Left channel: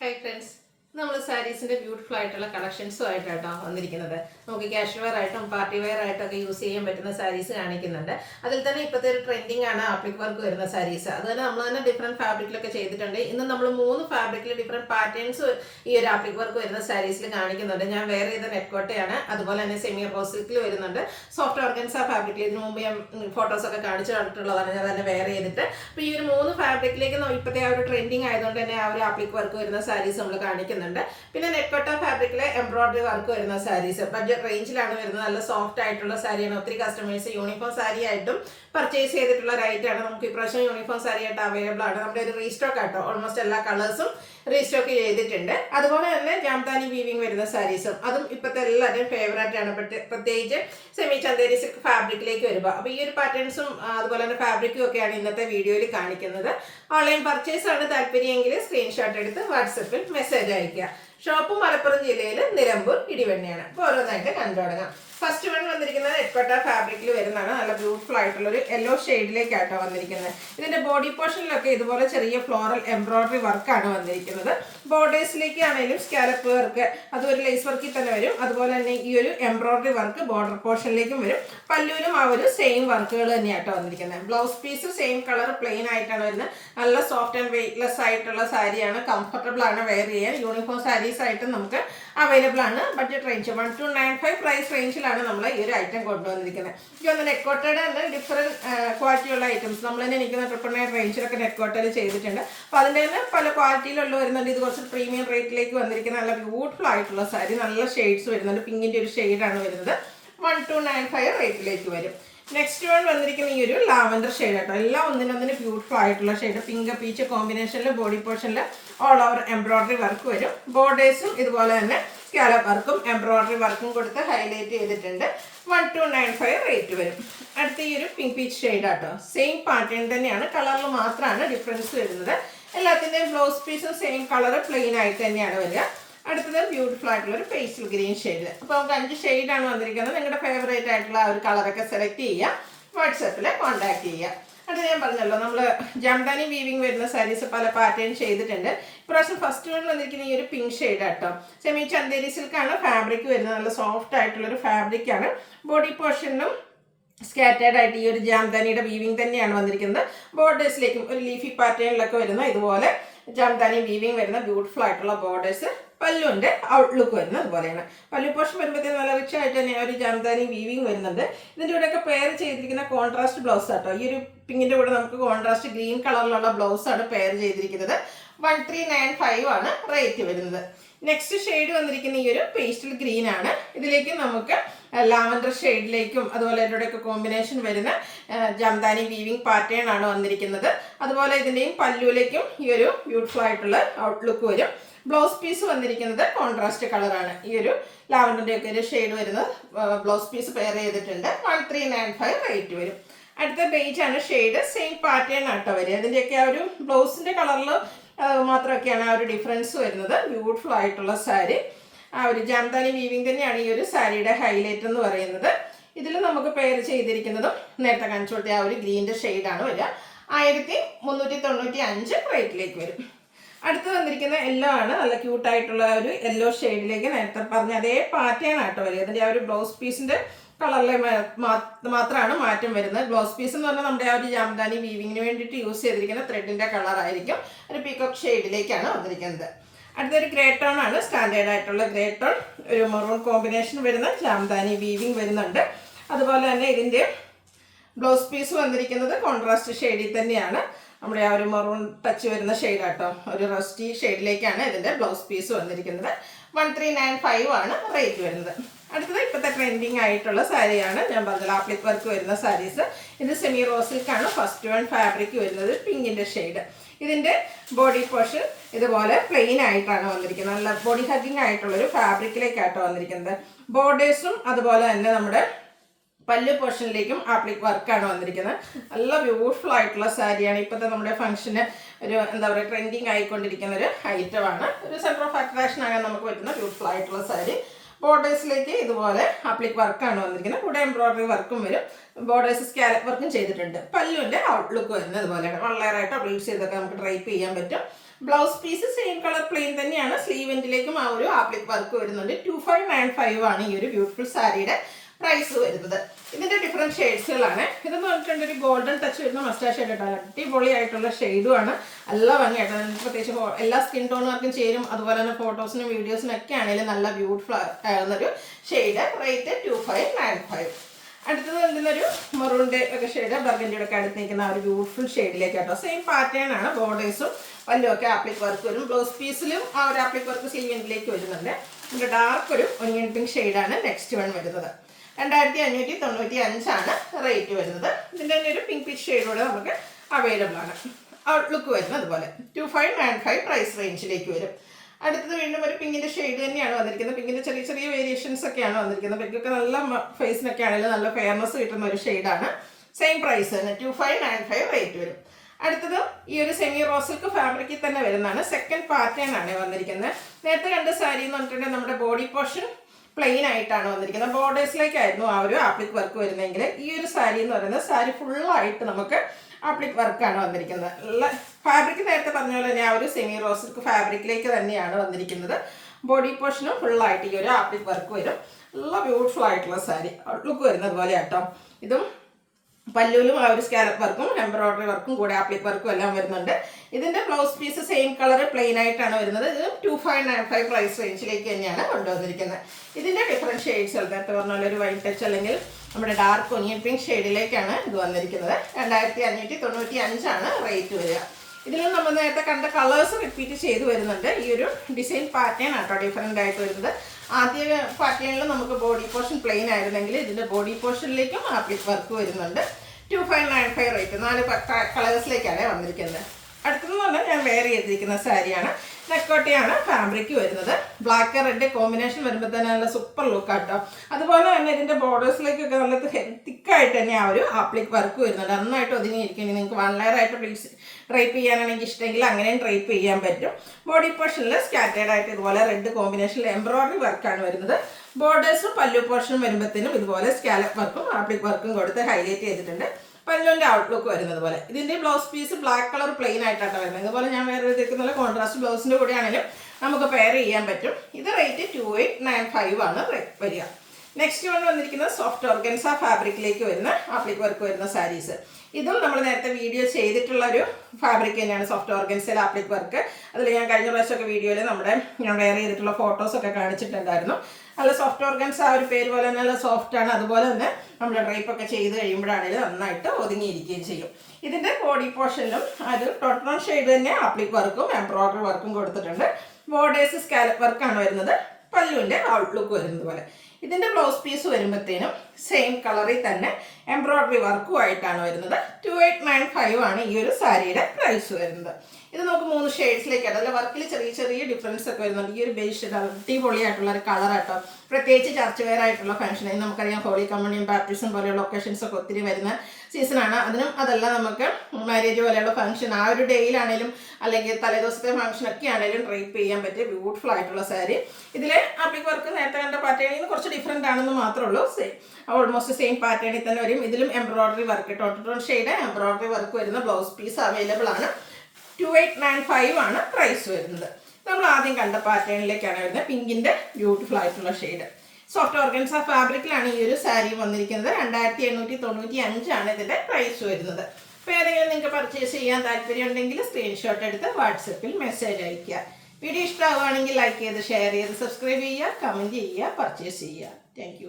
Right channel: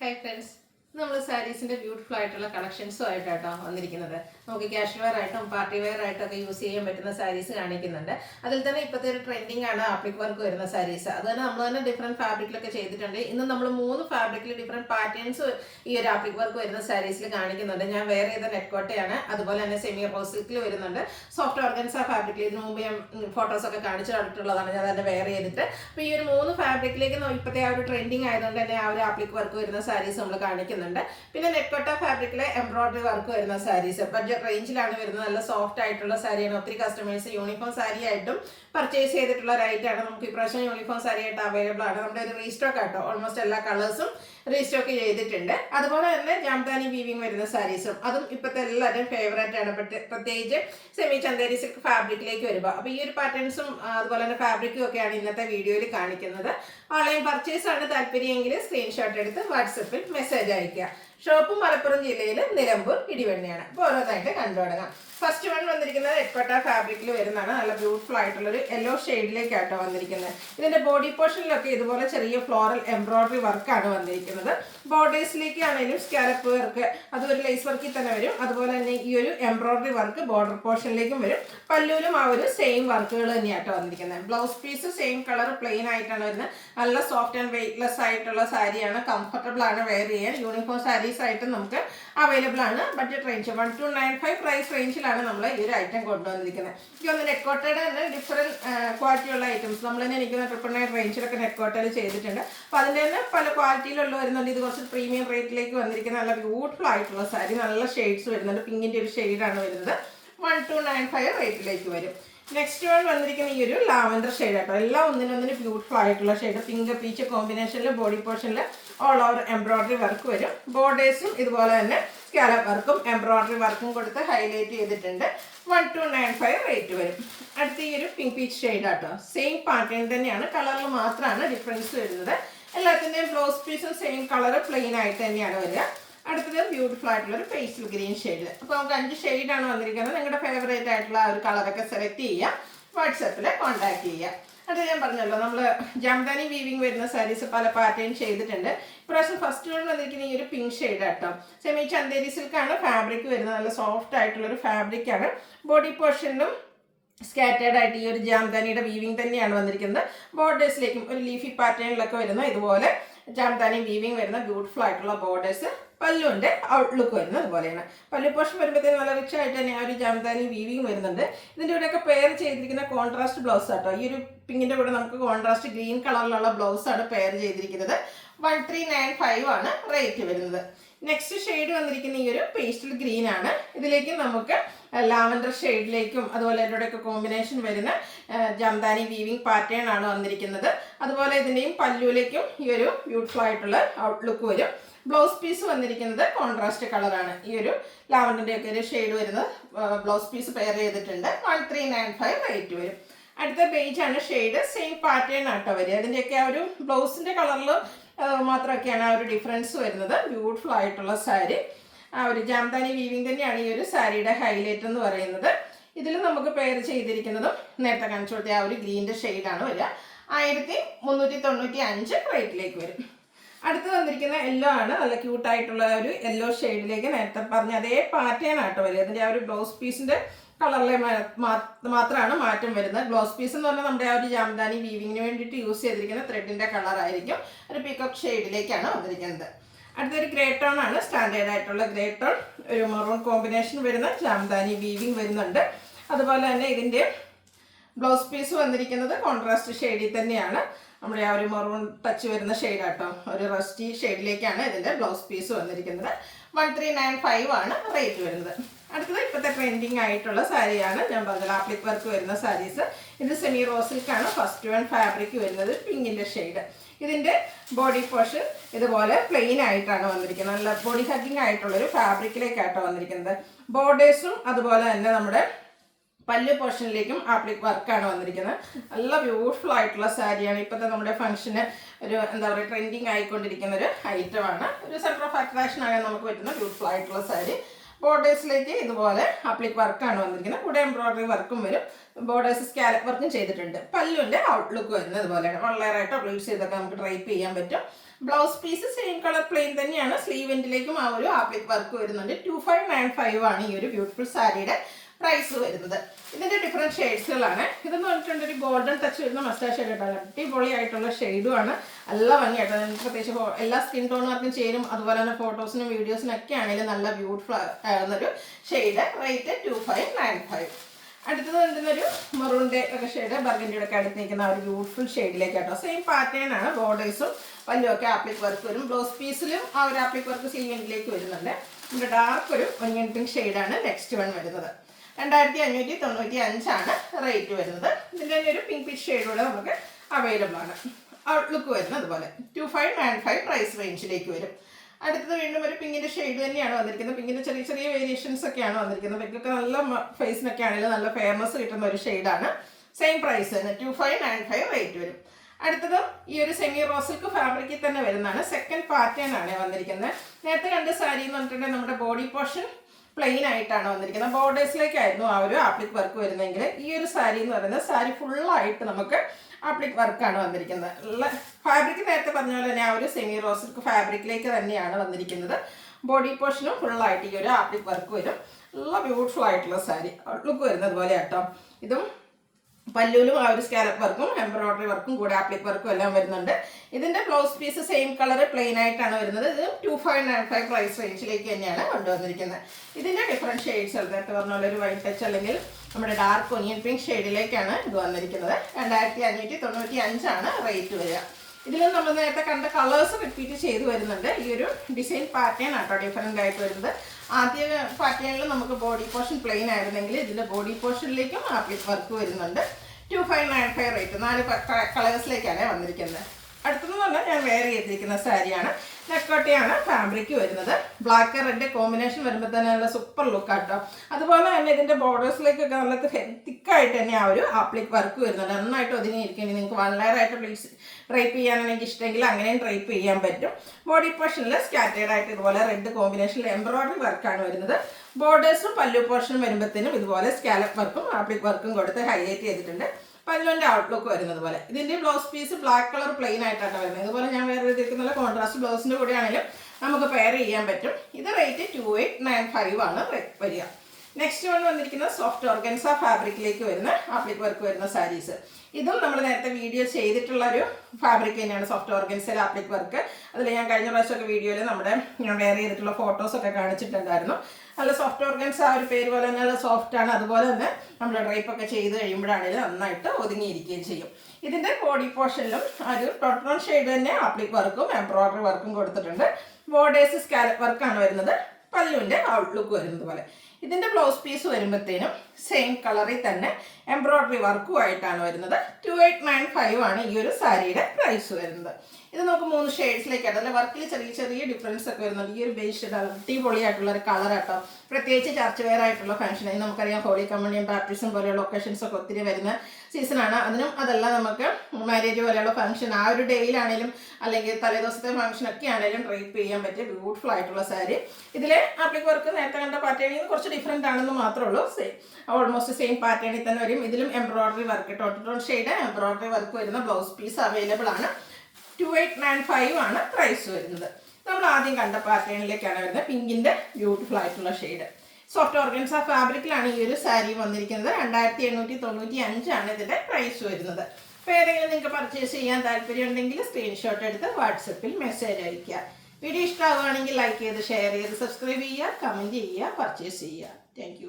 Hi friends. നമ്മൾ സാരീസിന്റെ beautiful ആയിട്ടുള്ള കളക്ഷൻസും ആയിട്ടാണ് വന്നിരിക്കുന്നത്. നമുക്ക് കാഷ്വൽ വെയർ ആയിട്ടും പാർട്ടി വെയർ ആയിട്ടൊക്കെ യൂസ് ചെയ്യാൻ പറ്റുന്ന സാരീസ് കാണിക്കുന്നുണ്ട്. അതിൽ തന്നെ ഇപ്പോഴത്തെ ഒരു ട്രെൻഡിങ് ആണ് ആപ്ലിക് വർക്ക് വരുന്ന സാരീസ്. അത് തന്നെ നമ്മൾ തന്നെ ഡിഫറെന്റ് ഫാബ്രിക്കിലൊക്കെ ചെയ്തിട്ടുണ്ട്. ഇന്ന് നമ്മൾ 3 ഫാബ്രിക്കിൽ ഡിഫറെന്റ് പാറ്റേൺസ് ഈ ഒരു ആപ്ലിക് വർക്ക് വരുന്ന സാരീസിൽ കാണിക്കുന്നുണ്ട്. ഞാൻ വേറെ ചെയ്ത നെറ്റ്കോട്ടയാണ്. അതുപോലെ തന്നെ സെമി റോ സിൽക്കിൽ വരുന്നുണ്ട്. സോഫ്റ്റ് ഓർഗൻസ ഫാബ്രിക്കിൽ ഇതിനു മുമ്പ് ഞാൻ ഫോട്ടോസ് ഒക്കെ കാണിച്ചു കണ്ടിട്ടുള്ളതാണ്. ഞാൻ തന്നെ വേറെ ചെയ്തിട്ട് അപ്പോൾ ഈ ഒരു 3 ഫാബ്രിക്കിലേക്ക് ഇപ്പോഴത്തെ ആ ഒരു ട്രെൻഡിങ് ആയതുകൊണ്ട് തന്നെ ആ ഒരു ആപ്ലിക് വർക്ക് വരുന്ന സാരീസ് നമ്മൾ കാണിക്കുന്നുണ്ട്. പിന്നെ നെറ്റ്കോട്ട ഫാബ്രിക്കിലെ എംബ്രോയിഡറി വർക്ക് വരുന്ന സാരീസ് ബഡ്ജറ്റ് റേഞ്ചിലാണ് വരുന്നത്. നല്ല സോഫ്റ്റ് ആയിട്ടുള്ള സാരിയാണ്. ഒത്തിരി കസ്റ്റമേഴ്സ് യൂണിഫോം സാരി ആയിട്ടും പർച്ചേസ് ചെയ്തിട്ടുള്ള റൈറ്റാണ്. നമുക്ക് ഇപ്രാവശ്യം യൂണിഫോം സാരി ആയിട്ട് അവൈലബിൾ ആണ്. നമ്മുടെ ഒരു റീസ്റ്റോക്ക് ആട്ടോ. ഓൾമോസ്റ്റ് എല്ലാ കളേഴ്സും റീസ്റ്റോക്ക് ചെയ്തിട്ടുണ്ട്. അതുപോലെ തന്നെ ജാംദാനി വീവിംഗ് വരുന്ന സാരീസും അതും ഇപ്പോഴത്തെ എല്ലാവരുടെയും ഫേവറേറ്റ് ആണ്. പ്രത്യേകിച്ച് സെമി ചന്തേരി സിൽക്ക് ഫാബ്രിക്കിലേക്ക് വരുമ്പോൾ അപ്പോൾ ഈ ഒരു പാറ്റേൺസും അതുപോലെ തന്നെ ഫാബ്രിക്കും ഒക്കെയാണ് ഇന്നത്തെ വീഡിയോയിൽ കാണിക്കുന്നത്. ഓൺലൈൻ പർച്ചേസ് ആണ് താല്പര്യമെങ്കിൽ സ്ക്രീൻഷോട്ട് എടുത്ത് വാട്സപ്പിൽ മെസ്സേജ് അയക്കുക. ഷോപ്പ് മലപ്പുറം ജില്ലയിൽ നിലമ്പൂർ ഇടിവണ്ണിയാണ്. അപ്പോൾ ഓരോന്നായിട്ട് കണ്ടു തുടങ്ങാം. ഫസ്റ്റ് വൺ വന്നിരിക്കുന്നത് നെറ്റ്കോട്ട ഫാബ്രിക്കിൽ വരുന്നതാണ്. നല്ല ബ്യൂട്ടിഫുൾ ആയിട്ടുള്ള ഒരു യെല്ലോ ഷെയ്ഡിലേക്കാട്ടോ വന്നിരിക്കുന്നത്. ഇതിന്റെ ബോഡി പോർഷനിലൊക്കെ ഇതുപോലെ ചെറിയ ഫ്ലോറൽ എംബ്രോയിഡറി വർക്കാണ് വന്നിരിക്കുന്നത്. ബോർഡേഴ്സിലേക്ക് ആണെങ്കിലും സ്കാലപ്പ് വർക്ക് അതൊരു ലേസ് വർക്കിൽ തന്നെ വരും. അതുപോലെ തന്നെ ഈ ഒരു എംബ്രോയിഡറി വർക്ക് ബോർഡർ പോർഷനിലേക്കും വരും. പല്ലുവിനും ആ ഒരു സെയിം വർക്കുകൾ തന്നെയാട്ടോ വന്നിരിക്കുന്നത്. Blouse piece same colour plain ആയിട്ടാണ് വരുന്നത്. നല്ല സോഫ്റ്റ് ആൻഡ് വെയ്റ്റ്ലെസ് ആയിട്ടുള്ള സാരിയാണ്. കംഫർട്ടബിൾ ആണ് വെയർ ചെയ്യാൻ. യൂണിഫോം സാരീസ് ആയിട്ട് നമുക്ക് അവൈലബിൾ ആണ്. ബഡ്ജറ്റ് റേഞ്ച് 1295 പ്രൈസ് റേഞ്ചിലാണ് നമ്മൾ ഈ ഒരു ഐറ്റം കൊണ്ടുവന്നിരിക്കുന്നത്. എനിക്ക് തോന്നുന്നു നെറ്റ്കോട്ടയുടെ തന്നെ ഡിഫറെന്റ് ക്വാളിറ്റിയുള്ള ഐറ്റംസ് നമ്മൾ തന്നെ എനിക്കുന്ന 999 റേഞ്ചിലൊക്കെ നെറ്റ്കോട്ടയിൽ ചെയ്തിട്ടുണ്ട്. അപ്പോൾ അതിൻ്റെ തന്നെ പല ക്വാളിറ്റിയിലുള്ള വരുന്നുണ്ട്. ഇത് കുറച്ച് പ്രീമിയം റേറ്റിലേക്ക് വന്നിരിക്കുന്ന നല്ല ബ്യൂട്ടിഫുൾ ആയിട്ടുള്ള സാരി. നല്ല ഷെയ്ഡ്സ് വരുന്നുണ്ട്. പിങ്കിൻ്റെ ഒരു ഷെയ്ഡാണ് വരുന്നത്. 1295 റേറ്റിലേക്ക് വരും. നെക്സ്റ്റ് വൺ വന്നിരിക്കുന്ന ഈ ഒരു ലാവൻഡർ ഷെയ്ഡ് കേട്ടോ. എല്ലാം ഒന്നിനൊന്നിന് ബ്യൂട്ടിഫുൾ ആയിട്ടുള്ള ഷെയ്ഡ്. പിങ്ക് പീച്ച് കോമ്പിനേഷനിൽ ബോഡി പോർഷനിൽ ഓൾ ഓവർ എംബ്രോയിഡറി വർക്ക് വരും. ബോർഡേഴ്സും ഇതുപോലെ തന്നെ സ്കാലപ്പ് വർക്കും എംബ്രോയിഡറി വർക്കും കൊടുത്ത് ഹൈലൈറ്റ് ചെയ്തിട്ടുണ്ട്. 1295 റേറ്റ് വരും. അടുത്ത ഈ ഒരു പിങ്ക് പീച്ച് ഷെയ്ഡ് ആട്ടോ. സെയിം പാറ്റേൺ തന്നെയാണ്. കളറിൽ മാത്രമാണ് ഡിഫറൻസ് വരുന്നത്. എല്ലാത്തിൻ്റെയും ബ്ലൗസ് പീസും സെയിം കളർ പ്ലെയിൻ ആയിട്ട് തന്നെയാണ് വരിക. അടുത്തത് ബ്യൂട്ടിഫുൾ ആയിട്ടുള്ള ഒരു പേസ്റ്റൽ ഗ്രീൻ ഷെയ്ഡ്. അപ്പോൾ നമുക്ക് 5 ഷെയ്ഡാണ് വന്നിരിക്കുന്നത്. നിങ്ങളുടെ ഫേവറേറ്റ് ആയിട്ടുള്ള ആ ഒരു കളറൊക്കെ സെലക്ട് ചെയ്യുക. വാട്സപ്പിൽ കോൺടാക്ട് ചെയ്യുക. അത് ഞാൻ പറഞ്ഞല്ലോ, നമ്മൾ ജാംദാനി വീവിംഗ് വരുന്ന സാരീസ് പല പാറ്റേൺ ചെയ്തിട്ടുണ്ട്. ഇപ്രാവശ്യം ഫസ്റ്റ് വൺ വന്നിരിക്കുന്ന ഈ ഒരു പിങ്ക് ഷെയ്ഡ് ആട്ടോ. സെമി ചന്തേരി സിൽക്കാണ് ഫാബ്രിക് വരുന്നത്. നല്ല സോഫ്റ്റ് ആയിട്ടുള്ളൊരു ഫാബ്രിക്കാണ്. ബോഡി പോർഷനും സ്കാറ്റേഡ് ആയിട്ട് ഈ ഒരു ജാംദാനിയുടെ വീവിംഗ് തന്നെയാണ് വന്നിരിക്കുന്നത്. ബോർഡേഴ്സിലേക്കും ഒരു ലീഫി പാറ്റേണിലൊക്കെ വരുന്ന ഇതുപോലെ ജാംദാനി വീവിംഗ് വരുന്ന ബ്യൂട്ടിഫുൾ ആയിട്ടുള്ള ബോർഡേഴ്സ്. പല്ലുവിൻ്റെ ഔട്ട്ലുക്ക് വരുന്നത് അതുപോലെയാണ്. പല്ലു പോർഷൻ വരുമ്പോഴത്തേക്കും നല്ല റിച്ച് ആയിട്ട് തന്നെ ആ ഒരു ജാംദാനി വീവിംഗ് വരുന്നുണ്ട്. ഇതിൻ്റെ കൂടെയൊക്കെ പെയർ ചെയ്തിരിക്കുന്ന കോൺട്രാസ്റ്റ് ബ്ലൗസ് ആട്ടോ. ഈ ഒരു പിങ്കിൻ്റെ കൂടെ നമുക്ക് കോൺട്രാസ്റ്റ് ഗ്രീൻ കളറിലുള്ള ബ്ലൗസാണ് പെയർ ചെയ്തിരിക്കുന്നത്. 1395 ആണ് റേറ്റ് വരുന്നത്. നെക്സ്റ്റ് ഷെയ്ഡ് വന്നിരിക്കുന്ന ഈ ഒരു പേസ്റ്റൽ ഗ്രീൻ ആണ്. ഇതിലേക്ക് നമുക്ക് ലാവൻഡർ ഷെയ്ഡിലേക്കും അതുപോലെ ഇതിൻ്റെയൊക്കെ കോമ്പിനേഷൻ വരുന്ന ജാംദാനി വീവിംഗ് പാറ്റേൺ ആണ് വന്നിരിക്കുന്നത്. അതുപോലെ ഇതിൻ്റെയും പല്ലുവിലേക്കും ഈ ഒരു ബ്യൂട്ടിഫുൾ ആയിട്ടുള്ള ഔട്ട്ലുക്ക് വരും. ബ്ലൗസ് പീസ് വന്നിരിക്കുന്നത് കോൺട്രാസ്റ്റ് കളറാണ്. ഈ ഒരു ലാവൻഡറിൻ്റെ ഒക്കെ ഒരു ഷെയ്ഡ് വരുന്നത് ബ്ലൗസ് പീസ് പെയർ ചെയ്തിട്ടുണ്ട്. 1395 റേറ്റ് വരും. അടുത്ത ബേജ് ആണ് ഷെയ്ഡ്. സെയിം പാറ്റേൺ ആട്ടോ വരിക. അതിൻ്റെയൊക്കെ ആ ഒരു ബ്ലൗസിൻ്റെ കളറിൽ മാത്രമൊക്കെയാണ് ആ ഒരു ഡിഫറൻസ് വരുന്നത്. ബ്യൂട്ടിഫുൾ ആയിട്ടുള്ള സാരി. ആ ഒരു ജാംദാനി വീവിംഗ് തന്നെയാണ് ഈ ഒരു സാരിയുടെ ഹൈലൈറ്റ് എന്ന് പറയുന്നത്. ഇതിൽ നമുക്ക് പെയർ ചെയ്തിരിക്കുന്നതും നേരത്തെ കാണിച്ചു കൊടുത്ത ആ ഒരു ഗ്രീൻ്റെ ഷെയ്ഡാണ് വരിക. 1395 റേറ്റിലേക്ക് വരും. അടുത്ത് വന്നിരിക്കുന്ന യെല്ലോ ആണ്. നല്ല ക്യൂട്ടായിട്ടുള്ള ഒരു യെല്ലോ ഷെയ്ഡിലേക്ക് നേരത്തെ പറഞ്ഞ അതേ പാറ്റേൺ ആട്ടോ വരിക. അതിൻ്റെ ആ ഒരു ബ്ലൗസ് പീസിൻ്റെ കളറിലെ മാത്രമാണ് മാറ്റം വരുന്നത്. ബ്ലൗസ് പീസ് എന്ന് പറഞ്ഞാൽ നമ്മുടെ ആ ഒരു ജാംദാനി വീവിങ്ങിന് വേണ്ടിയിട്ട് യൂസ് ചെയ്തിരിക്കുന്ന ത്രെഡിൻ്റെ കളറായിരിക്കും. ഒരു പീകോക്ക് ഷെയ്ഡിലേക്കാണ് വന്നിരിക്കുന്നത്. അടുത്തൊരു ഗ്രേ ടോൺ ആണ്. സ്റ്റാൻഡേർഡ് ആയിട്ടുള്ള ഗ്രേ ടോൺ. ഒരു മെറൂൺ കോമ്പിനേഷൻ വരുന്ന ജാംദാനി വീവിങ് വരുന്നുണ്ട്. അതുപോലെ തന്നെ ഇതിൻ്റെ ബ്ലൗസ് പീസ് വന്നിരിക്കുന്നത് കോൺട്രാസ്റ്റ് ഷെയ്ഡിൽ തന്നെയാണ്. നമ്മുടെ ആ ഒരു മെറൂൺ ടച്ച് വരുന്ന ഷെയ്ഡ് ആട്ടോ. ഒരു റസ്റ്റി ഷെയ്ഡിലേക്കാണ് ഇതിൻ്റെ ബ്ലൗസ് പീസ് വന്നിരിക്കുന്നത്. 1395 ആണ് റേറ്റ് വരുന്നത്. അടുത്തത് ഇപ്പോഴത്തെ ട്രെൻഡിങ് ആയിട്ടുള്ള സാരിയാണ്. ഞാൻ പറഞ്ഞത് ആപ്ലിക് വർക്ക് വരുന്ന സാരീസ്. ഇത് സെമി റോ സിൽക്കാണ്. ഫസ്റ്റ് വൺ ഫാബ്രിക് വരുന്നത് പിങ്കിൻ്റെ ഷെയ്ഡ്. ഇതിൻ്റെ ബോഡി പോർഷൻ ഇതുപോലെ പ്ലെയിൻ ആയിട്ടാണ് വന്നിരിക്കുന്നത്. നല്ല ബോഡി ഹഗ്ഗിങ് ആയിട്ടുള്ളൊരു ഫാബ്രിക്കിലേക്കാട്ടോ വന്നിരിക്കുന്നത്. ബോർഡേഴ്സും അതുപോലെ തന്നെ നമ്മുടെ പല്ല് പോർഷനിലേക്കും ആപ്ലിക് വർക്കാണ് വന്നിരിക്കുന്നത്. നല്ല ബ്യൂട്ടിഫുൾ ആയിട്ടുള്ള സാരിയാണ്. ഇപ്പോഴത്തെ നമ്മുടെ ഫംഗ്ഷന് ഒരു എന്താ പറയുക ട്രെൻഡിങ് ആയിക്കൊണ്ടിരിക്കുന്ന ഒരു ഐറ്റമാണ്. ഒരു സെൻറ്റർ ഓഫ് അട്രാക്ഷൻ ആകാൻ നമുക്ക് പറ്റുന്ന ബ്യൂട്ടിഫുൾ ആയിട്ടുള്ള സാരി. ബോർഡേഴ്സിലേക്ക് ഇതുപോലെ ആപ്ലിക് വർക്കാണ് വന്നിരിക്കുന്നത്. കൂടെ എംബ്രോയിഡറി വർക്കും വരും. ബോർഡേഴ്സ് സ്കാലപ്പ് വർക്കും ചെയ്തിട്ടുണ്ട്. പല്ലുവിൻ്റെ ഔട്ട്ലുക്ക് വരുന്നത് ഇതുപോലെയാണ്. വളരെയായിട്ട് ബ്ലീഡ്സ് ചെയ്തൊക്കെ നമുക്ക് ഡ്രൈപ്പ് ചെയ്യാൻ പറ്റും. Blouse piece same colour plain തന്നെയാണ്. സ്ലീവ് എൻഡിലേക്കും ആ ഒരു ആപ്ലിക് വർക്ക് വരുന്നുണ്ട്. 2595 ആണ് ഈ ഒരു ബ്യൂട്ടിഫുൾ സാരിയുടെ പ്രൈസ് വരുന്നത്. ഇതിന്റെ ഡിഫറെന്റ് ഷെയ്ഡ്സുകളാണ്. ഇതെന്ന് പറഞ്ഞിട്ടുണ്ട് ഒരു ഗോൾഡൻ ടച്ച് വരുന്ന മസ്റ്റാർഡ് ഷെയ്ഡ് ആയിട്ടാണ്. അടിപൊളി ആയിട്ടുള്ള ഷെയ്ഡുമാണ്. നല്ല ഭംഗിയായിട്ടാണ്. പ്രത്യേകിച്ച് എല്ലാ സ്കിൻ ടോണുകാർക്കും ചേരും. അതുപോലെ തന്നെ ഫോട്ടോസിനും വീഡിയോസിനും ഒക്കെ ആണെങ്കിലും നല്ല ബ്യൂട്ടിഫുൾ ആകുന്നൊരു ഷെയ്ഡ്. റേറ്റ് 2595. അടുത്തത് വരുന്നൊരു മെറൂണിന്റെ ഒക്കെ ഷെയ്ഡ്, ബർഗൻഡിയുടെ ഒക്കെ അടുത്ത് നിൽക്കുന്ന ഒരു ബ്യൂട്ടിഫുൾ ഷെയ്ഡിലേക്ക് കേട്ടോ. സെയിം പാറ്റേൺ ആണ്. ബോർഡേഴ്സും പല്ലുമൊക്കെ ആപ്ലിക് വർക്ക് വരും. ബ്ലൗസ് പീസിലും ആ ഒരു ആപ്ലിക് വർക്ക് സ്ലീവ് എൻഡിലേക്ക് വരുന്നുണ്ട്. ഇതിന്റെ ഡാർക്ക് ഒരു ഒനിയൻ പിങ്ക് ഷെയ്ഡാണ് നെക്സ്റ്റ് വൺ വരുന്നത്. 2595 ആണ് റേറ്റ് വരുന്നത്. ഇതിൻ്റെ തന്നെ ഒരു പിങ്ക് പിച്ച് ഷെയ്ഡൂടെ നമുക്ക് അവൈലബിൾ ആണ്. ഔട്ട്ലുക്ക് വരുന്നത് അതുപോലെ 2595 പ്രൈസ് റേഞ്ചിലേക്ക് വരും. അടുത്തത് വീണ്ടും ഒരു പിങ്കിൻ്റെ ഷെയ്ഡ് തന്നെയാണ് വന്നിരിക്കുന്നത്. പിങ്കിൻ്റെ ചെറിയ ചെറിയ വേരിയേഷൻസ് ഒക്കെയാണ് വന്നിരിക്കുന്നത്. പിങ്കൊക്കെ നല്ല ഫേസിനൊക്കെ ആണെങ്കിലും നല്ല ഫേമസ് കിട്ടുന്ന ഒരു ഷെയ്ഡാണ്. സെയിം പ്രൈസ് തന്നെ 2595 റേറ്റ് വരും. അടുത്തത് ഈ ഒരു സെമി റോസിൽക്ക് ഫാബ്രിക്കിൽ തന്നെ വരുന്നതാണ്. സെക്കൻഡ് പാറ്റേൺ ആണ് വന്നിരിക്കുന്നത്. നേരത്തെ കണ്ട സാരി എന്ന് പറഞ്ഞിട്ടുണ്ടെങ്കിൽ നമ്മുടെ ബോഡി പോർഷൻ പ്ലെയിൻ ആയിട്ടാണ് വന്നിരിക്കുന്നത്. ബോർഡേഴ്സിലേക്കായിരുന്നു ആ ഒരു ആപ്ലിക് വർക്ക് വരുന്നതെങ്കിൽ ഈ ഒരു സാരി എന്ന് പറയുന്നത് സാരി ഫുള്ളായിട്ട് നമുക്ക് ആപ്ലിക് വർക്കാണ് വന്നിരിക്കുന്നത്. ഫാബ്രിക് നേരത്തെ പറഞ്ഞ പോലെ തന്നെ ആ ഒരു സെമി റോസിൽക്ക് ഫാബ്രിക്കിലേക്ക് തന്നെയാണ് വന്നിരിക്കുന്നത്. ബോഡി പോർഷനും ഫുള്ളായിട്ട് ഈ ഒരു ആപ്ലിക് വർക്ക് വരും. നല്ല ബ്യൂട്ടിഫുൾ ആയിട്ടുള്ള സാരി ലുക്ക് വരുന്നത് പോലെ കേട്ടോ. ഇതും പല്ലുവിലും ആ ഒരു സ്കാലപ്പ് വർക്കും എംബ്രോയിഡറി വർക്കും കൂടെ ആപ്ലിക് വർക്കും എല്ലാം വരുന്നുണ്ട്. ഇതിന്റെ blouse piece same colour plain ആയിട്ടാണ് വരുന്നത്. ഇത് 2595 പ്രൈസ് റേഞ്ചിലേക്ക് തന്നെയാണ് കൊണ്ടുവന്നിരിക്കുന്നത്. ഇതിന്റെ ഡിഫറെന്റ് ഷെയ്ഡ്സ് നേരത്തെ പറഞ്ഞ പോലെ ഒരു വൈറ്റ് ടച്ച് അല്ലെങ്കിൽ നമ്മുടെ ഡാർക്ക് ഒനിയൻ പിങ്ക് ഷെയ്ഡിലേക്കാണ് ഇത് വന്നിരിക്കുന്നത്. 2595 ആണ് റേറ്റ് വരിക. ഇതിലും നമ്മൾ നേരത്തെ കണ്ട കളേഴ്സ് റിപ്പീറ്റ് ചെയ്ത് വരുന്നുണ്ട്. ഈ ഒരു ഡിസൈൻ പാറ്റേൺ ആട്ടോ ഡിഫറെൻ്റ് ആയിട്ട് വരുന്നത്. ആദ്യ പാറ്റേണിൽ നമുക്ക് ബോഡി പോർഷൻ പ്ലെയിൻ ആയിരുന്നെങ്കിൽ ഇതിൻ്റെ ബോഡി പോർഷനിലേക്കും ആപ്ലിക് വർക്ക് വരുന്നുണ്ട്. 2595 റേറ്റ്. 4 കളേഴ്സിലേക്കാണ് വന്നിരിക്കുന്നത്. അടുത്തതെന്ന് പറഞ്ഞാൽ ഞാൻ വെയർ ചെയ്തിരിക്കുന്ന സാരിയാണ്. നെക്കോട്ടയാണ് ഫാബ്രിക് വരുന്നത്. ബ്ലാക്ക് റെഡ് കോമ്പിനേഷൻ വരുമ്പോൾ തന്നെ നല്ല സൂപ്പർ ലുക്ക് ആട്ടോ. അതുപോലെ തന്നെ ഇതിൻ്റെ ബോർഡേഴ്സിലേക്കൊക്കെ നല്ല തിക്കായിട്ട് തന്നെ ആ ഒരു ആപ്ലിക് വർക്ക് വരുന്നുണ്ട്. നന്നായിട്ട് ഒതുങ്ങിയിരിക്കും. നിങ്ങൾക്ക് 1 ലെയർ ആയിട്ട് ഡ്രൈപ്പ് ചെയ്യാനാണ് എനിക്ക് ഇഷ്ടമെങ്കിൽ അങ്ങനെയും ഡ്രൈപ്പ് ചെയ്യാൻ പറ്റും. ബോഡി പോർഷനിൽ സ്കാറ്റേഡ് ആയിട്ട് ഇതുപോലെ റെഡ് കോമ്പിനേഷനിൽ എംബ്രോയിഡറി വർക്കാണ് വരുന്നത്. ബോർഡേഴ്സും പല്ലു പോർഷനും വരുമ്പോഴത്തേനും ഇതുപോലെ സ്കാലപ്പ് വർക്കും ആപ്ലിക് വർക്കും കൊടുത്ത് ഹൈലൈറ്റ് ചെയ്തിട്ടുണ്ട്. പല്ലുവിൻ്റെ ഔട്ട്ലുക്ക് വരുന്നത് പോലെ. ഇതിൻ്റെ blouse piece black colour plain ആയിട്ടാണ് വരുന്നത്. അതുപോലെ ഞാൻ വേറെ എടുക്കുന്ന കോൺട്രാസ്റ്റ് ബ്ലൗസിൻ്റെ കൂടെ ആണെങ്കിലും നമുക്ക് പെയർ ചെയ്യാൻ പറ്റും. ഇത് റേറ്റ് 2895 ആണ് വരിക. നെക്സ്റ്റ് വന്നിരിക്കുന്നത് സോഫ്റ്റ് ഓർഗൻസ ഫാബ്രിക്കിലേക്ക് വരുന്ന ആപ്ലിക് വർക്ക് വരുന്ന സാരീസ്. ഇതും നമ്മൾ നേരത്തെ വീഡിയോ ചെയ്തിട്ടുള്ള ഒരു ഫാബ്രിക് തന്നെയാണ്. സോഫ്റ്റ് ഓർഗൻസയിൽ ആപ്ലിക് വർക്ക്. അതിൽ ഞാൻ കഴിഞ്ഞ പ്രാവശ്യമൊക്കെ വീഡിയോയിൽ ഞാൻ വെയർ ചെയ്തിട്ടുള്ള ഫോട്ടോസൊക്കെ കാണിച്ചിട്ടുണ്ടായിരുന്നു. നല്ല സോഫ്റ്റ് ഓർഗൻസ് ആ ഒരു പേര് പോലെ തന്നെ നല്ല സോഫ്റ്റ് ആണ്. അതുപോലെ തന്നെ നമ്മൾ ഡ്രൈപ്പൊക്കെ ചെയ്ത് കഴിയുമ്പോഴാണെങ്കിലും നന്നായിട്ട് ഒതുങ്ങിയിരിക്കുകയും ചെയ്യും. ഇതിൻ്റെ ബോഡി പോർഷനിലും ഒരു ടോട്ടൺ ഷെയ്ഡ് തന്നെ ആപ്ലിക് വർക്കും എംബ്രോയിഡറി വർക്കും കൊടുത്തിട്ടുണ്ട്. ബോർഡേഴ്സ് സ്കാലപ്പ് വർക്കാണ് വരുന്നത്. പല്ലുവിൻ്റെ ഔട്ട്ലുക്ക് വരുന്നത് പോലെ. ഇതിൻ്റെ ബ്ലൗസ് പീസ് വരുമ്പോഴത്തേനും സെയിം കളറിൽ തന്നെ എംബ്രോയിഡറി വർക്കും ആയിട്ടാണ് വരുന്നത്. 2895 ആണ് ഈ ഒരു സാരിയുടെ പ്രൈസ് വരുന്നത്. ഇത് നമുക്ക് 3 ഷെയ്ഡ്സിലേക്കാണ്. അതിൽ വർക്കിൽ ചെറിയ ചെറിയ ഡിഫറൻസ് ഒക്കെ വരുന്നുണ്ട്. ഈ ഒരു ബേസ് ഷെയ്ഡ് അടിപൊളിയായിട്ടുള്ള ഒരു കളറാട്ടോ. പ്രത്യേകിച്ച് ചർച്ച് വെയർ ആയിട്ടുള്ള ഫംഗ്ഷൻ. നമുക്കറിയാം ഹോളി കമ്മ്യൂണിയൻ ബാപ്റ്റിസം പോലെയുള്ള ഒക്കേഷൻസ് ഒക്കെ ഒത്തിരി വരുന്ന സീസണാണ്. അതിനും അതെല്ലാം നമുക്ക് മാരേജ് പോലെയുള്ള ഫംഗ്ഷൻ ആ ഒരു ഡേയിലാണെങ്കിലും അല്ലെങ്കിൽ തലേദിവസത്തെ ഫംഗ്ഷനൊക്കെ ആണെങ്കിലും ഡ്രൈപ്പ് ചെയ്യാൻ പറ്റിയ ബ്യൂട്ടിഫുൾ ആയിട്ടുള്ള സാരി. ഇതിൽ ആപ്ലിക് വർക്ക് നേരത്തെ കണ്ട പാറ്റേണിൽ നിന്ന് കുറച്ച് ഡിഫറെൻ്റ് ആണെന്ന് മാത്രമേ ഉള്ളൂ. ഓൾമോസ്റ്റ് സെയിം പാറ്റേണിൽ തന്നെ വരും. ഇതിലും embroidery work two tone shade embroidery work വരുന്ന ബ്ലൗസ് പീസ് അവൈലബിൾ ആണ്. 2895 ആണ് പ്രൈസ് വരുന്നത്. നമ്മൾ ആദ്യം കണ്ട പാറ്റേണിലേക്കാണ് വരുന്നത്. പിങ്കിൻ്റെ ബ്യൂട്ടിഫുൾ ആയിട്ടുള്ള ഷെയ്ഡ്. സോഫ്റ്റ് ഓർഗൻസ ഫാബ്രിക്കിലാണ് ഈ ഒരു സാരി വന്നിരിക്കുന്നത്. 2895 ആണ് ഇതിൻ്റെ പ്രൈസ് വരുന്നത്. അപ്പോൾ ഏതെങ്കിലും നിങ്ങൾക്ക് പർച്ചേസ് ചെയ്യാൻ താല്പര്യമുണ്ടെങ്കിൽ സ്ക്രീൻഷോട്ട് എടുത്ത് വാട്സപ്പിൽ മെസ്സേജ് അയയ്ക്കുക. വീഡിയോ ഇഷ്ടമാവുകയാണെങ്കിൽ ലൈക്ക് ചെയ്ത് ഷെയർ ചെയ്ത് സബ്സ്ക്രൈബ് ചെയ്യുക, കമൻറ്റ് ചെയ്യുക, പർച്ചേസ് ചെയ്യുക. താങ്ക്